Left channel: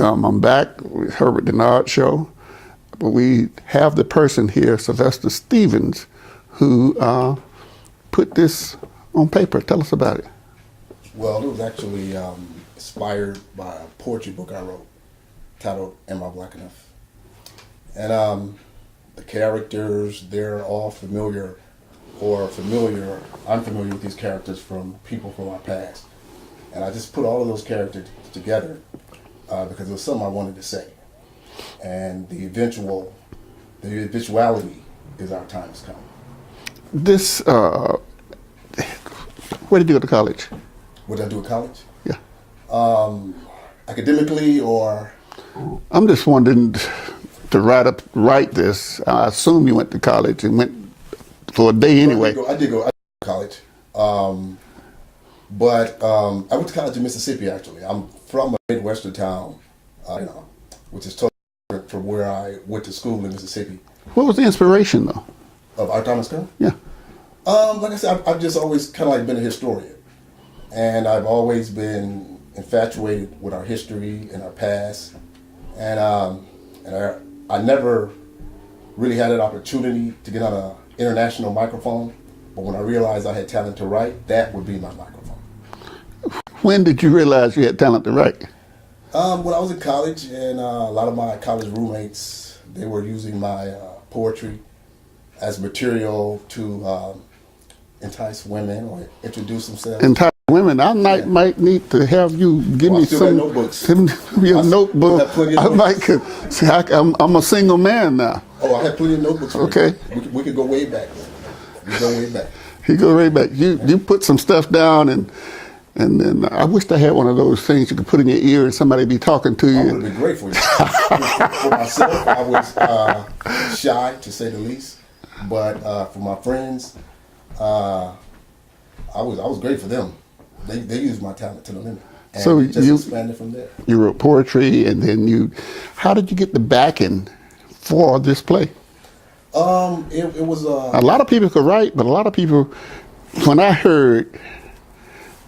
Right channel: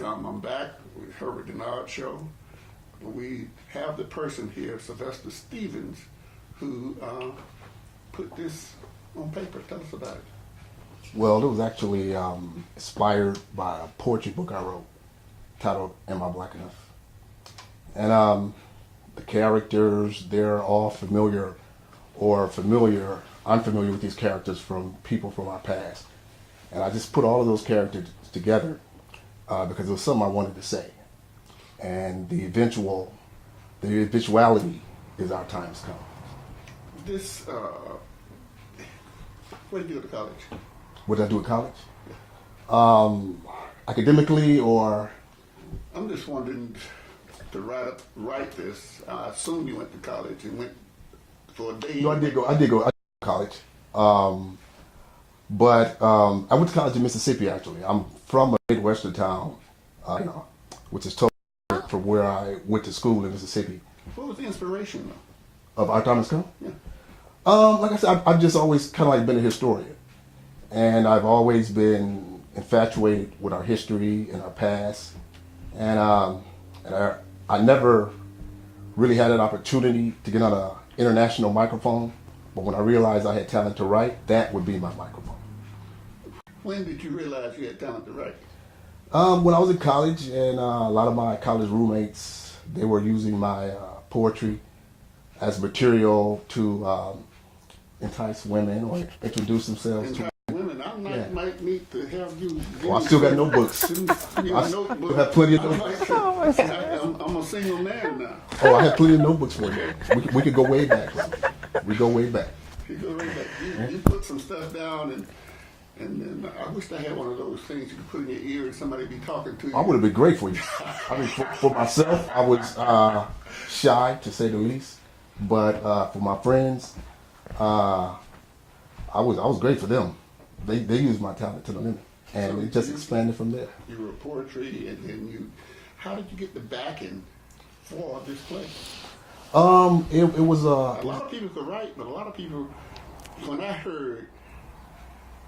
come. I'm back with Herbert Dennard show, but we have the person here, Sylvester Stevens, who put this on paper. Tell us about it. Well, it was actually inspired by a poetry book I wrote titled Am I Black Enough? And the characters, they're all familiar or unfamiliar with these characters from people from our past. And I just put all of those characters together because it was something I wanted to say. And the eventuality is our time has come. This, where did you go to college? What did I do at college? Yeah. Academically or? I'm just wondering to write this. I assume you went to college and went for a day anyway. I did go to college. But I went to college in Mississippi, actually. I'm from a Midwestern town, which is totally different from where I went to school in Mississippi. What was the inspiration, though? Of Our Time Has Come? Yeah. Like I said, I've just always kind of like been a historian. And I've always been infatuated with our history and our past. And I never really had an opportunity to get on an international microphone. But when I realized I had talent to write, that would be my microphone. When did you realize you had talent to write? When I was in college, and a lot of my college roommates, they were using my poetry as material to entice women or introduce themselves. Entice women? I might need to have you give me some notebooks. Send me a notebook. I might could. See, I'm a single man now. Oh, I had plenty of notebooks. Okay. We could go way back. We go way back. You go way back. You put some stuff down and then I wished I had one of those things you could put in your ear and somebody be talking to you. That would have been great for you. For myself, I was shy, to say the least. But for my friends, I was great for them. They used my talent to the limit. And so just expanded from there. You wrote poetry, and then how did you get the backing for this play? It was a lot of people could write, but a lot of people, when I heard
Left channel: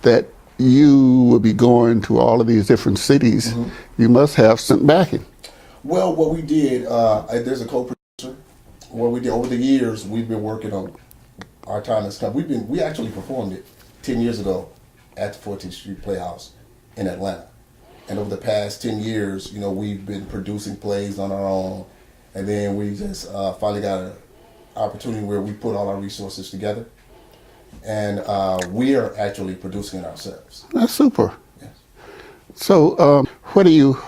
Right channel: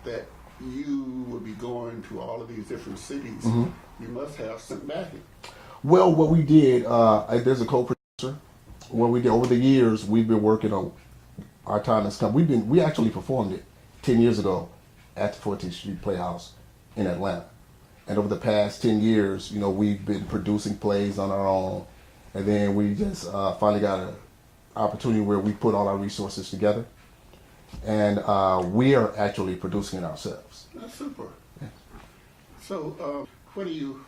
that you would be going to all of these different cities, you must have some backing. Well, what we did, there's a co-producer. What we did over the years, we've been working on Our Time Has Come. We actually performed it 10 years ago at the 14th Street Playhouse in Atlanta. And over the past 10 years, we've been producing plays on our own. And then we just finally got an opportunity where we put all our resources together. And we are actually producing it ourselves. That's super. Yes. So where do you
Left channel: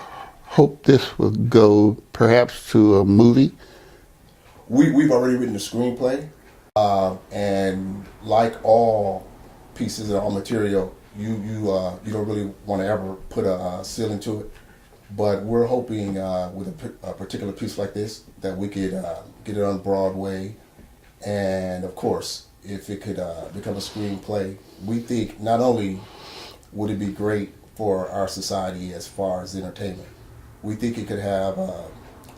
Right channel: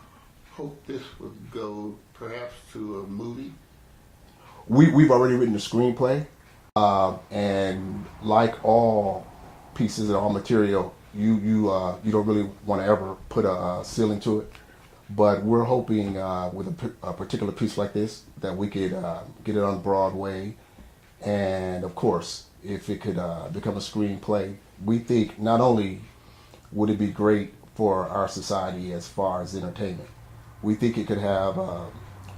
hope this will go, perhaps to a movie? We've already written a screenplay. And like all pieces of all material, you don't really want to ever put a ceiling to it. But we're hoping with a particular piece like this that we could get it on Broadway. And of course, if it could become a screenplay, we think not only would it be great for our society as far as entertainment, we think it could have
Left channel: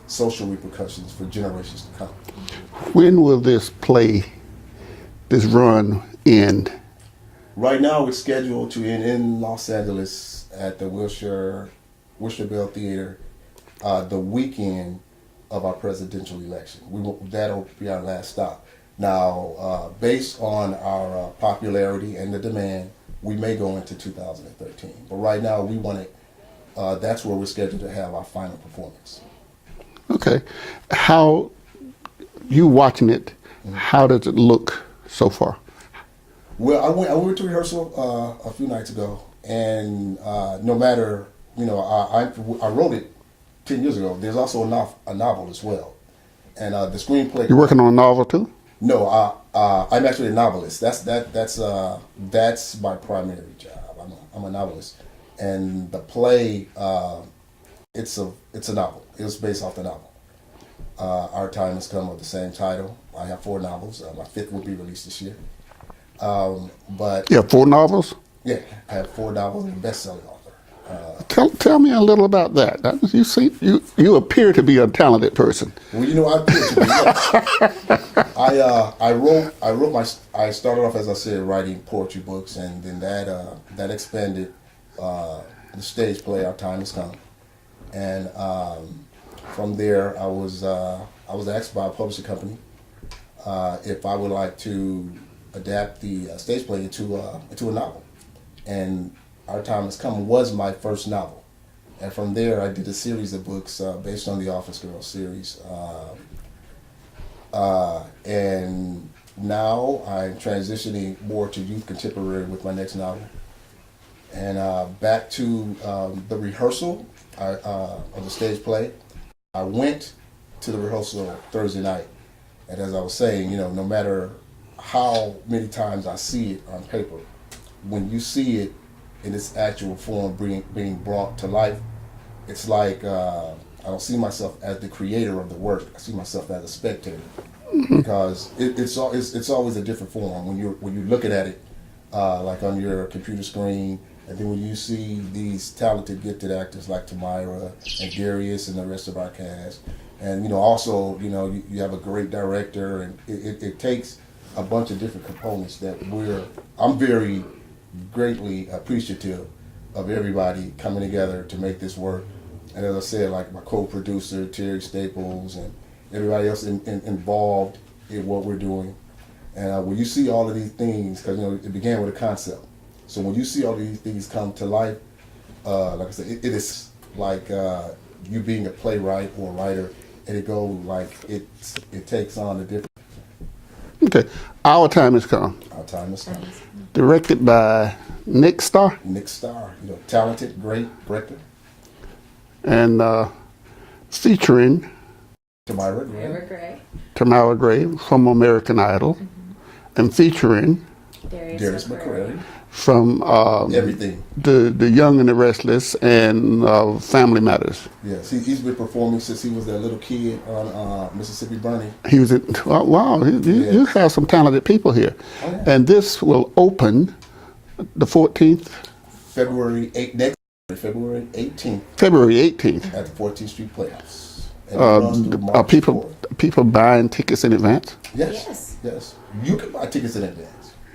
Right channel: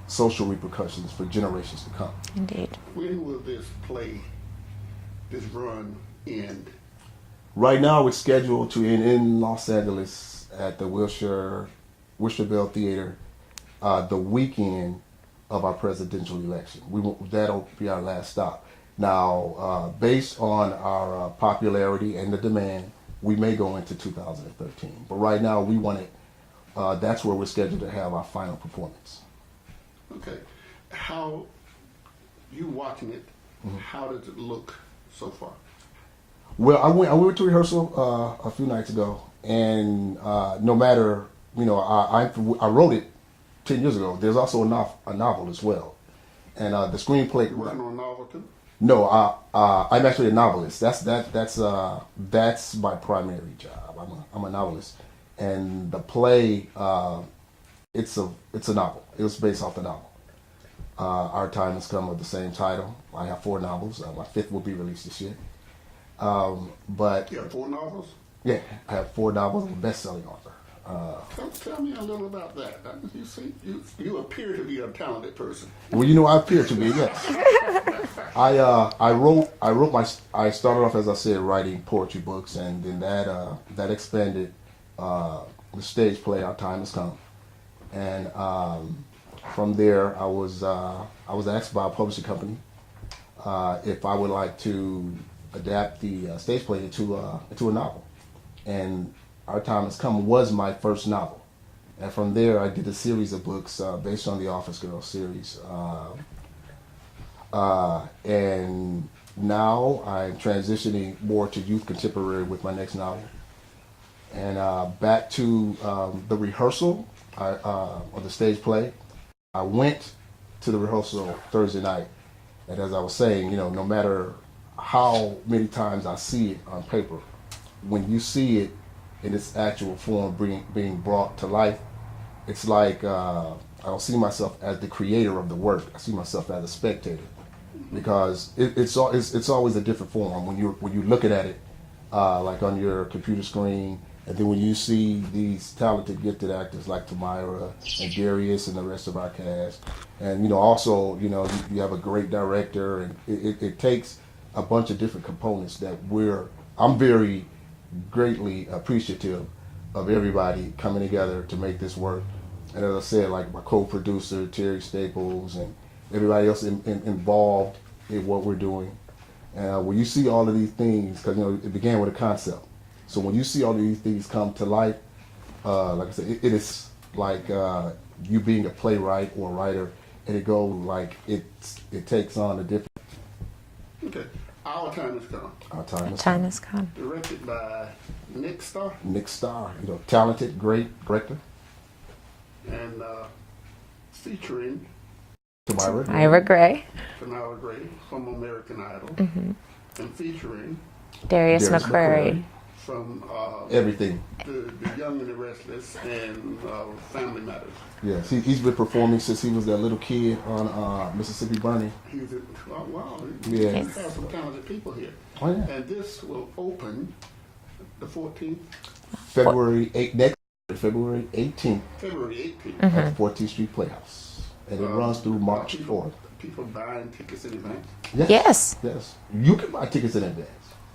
social repercussions for generations to come. When will this run end? Right now, it's scheduled to end in Los Angeles at the Wilshire Bell Theater the weekend of our presidential election. That'll be our last stop. Now, based on our popularity and the demand, we may go into 2013. But right now, we want it. That's where we're scheduled to have our final performance. Okay. How you watching it? How does it look so far? Well, I went to rehearsal a few nights ago, and no matter I wrote it 10 years ago. There's also a novel as well, and the screenplay. You're working on a novel too? No, I'm actually a novelist. That's my primary job. I'm a novelist, and the play it's a novel. It was based off the novel. Our Time Has Come of the same title. I have 4 novels. My 5th will be released this year. But you have 4 novels? Yeah, I have 4 novels and best-selling author. Tell me a little about that. You appear to be a talented person. Well, I appear to be. Yes. I started off, as I said, writing poetry books, and then that expanded the stage play Our Time Has Come. And from there, I was asked by a publishing company if I would like to adapt the stage play into a novel. And Our Time Has Come was my first novel. And from there, I did a series of books based on the Office Girls series. And now I'm transitioning more to youth contemporary with my next novel. And back to the rehearsal of the stage play. I went to the rehearsal Thursday night. And as I was saying, no matter how many times I see it on paper, when you see it in its actual form being brought to life, it's like I don't see myself as the creator of the work. I see myself as a spectator, because it's always a different form when you're looking at it like on your computer screen, and then when you see these talented, gifted actors like Tamyra and Darius and the rest of our cast, and also you have a great director, and it takes a bunch of different components that I'm very greatly appreciative of everybody coming together to make this work. And as I said, like my co-producer, Terry Staples, and everybody else involved in what we're doing. And when you see all of these things, because it began with a concept. So when you see all of these things come to life, like I said, it is like you being a playwright or a writer, and it goes like it takes on a different. Okay, Our Time Has Come. Our Time Has Come. Directed by Nick Starr. Nick Starr, talented, great director. And featuring Tamyra Gray. Tamyra Gray from American Idol. And featuring Darius McCrary. From everything. The Young and the Restless and Family Matters. Yes, he's been performing since he was that little kid on Mississippi Burning. He was at, wow, you have some talented people here. Oh, yeah. And this will open the 14th? February 18th. February 18th. At 14th Street Playhouse. And it runs through March Are people buying tickets in advance? Yes. Yes. You can buy tickets in advance.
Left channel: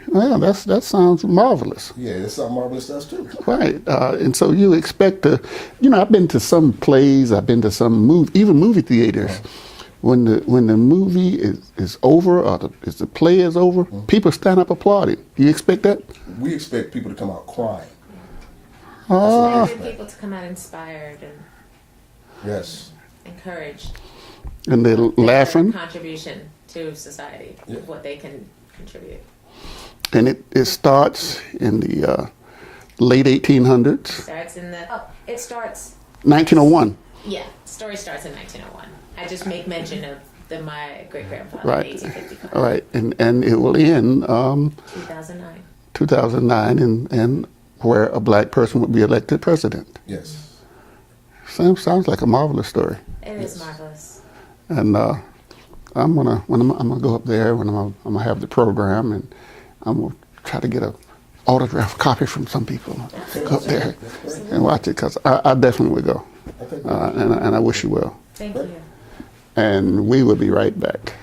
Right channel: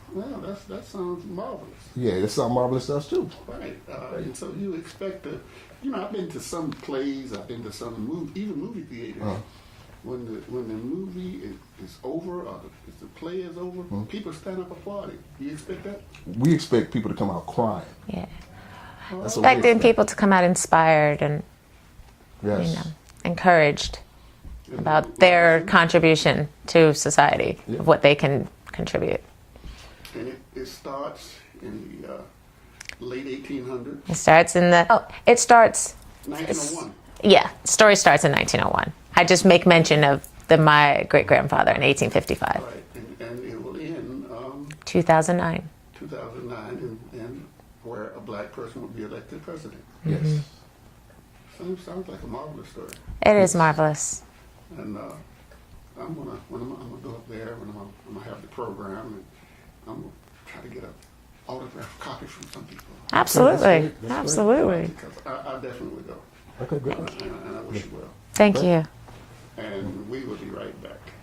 Well, that sounds marvelous. Yeah, that sounds marvelous to us too. Right, and so you expect to, I've been to some plays, I've been to some even movie theaters. When the movie is over or the play is over, people stand up applauding. You expect that? We expect people to come out crying. Yeah. Expecting people to come out inspired and encouraged And they're about their laughing. contribution to society, of what they can contribute. And it starts in the late 1800s. It starts 1901. Yeah, story starts in 1901. I just make mention of my great-grandfather in 1855. Right, and it will end 2009. 2009, and where a black person would be elected president. Yes. Sounds like a marvelous story. It is marvelous. And I'm gonna go up there when I'm gonna have the program, and I'm gonna try to get a autographed copy from some people. Absolutely, absolutely. And watch it, because I definitely would go. Okay, And I wish you well. Thank you. And we will be right back.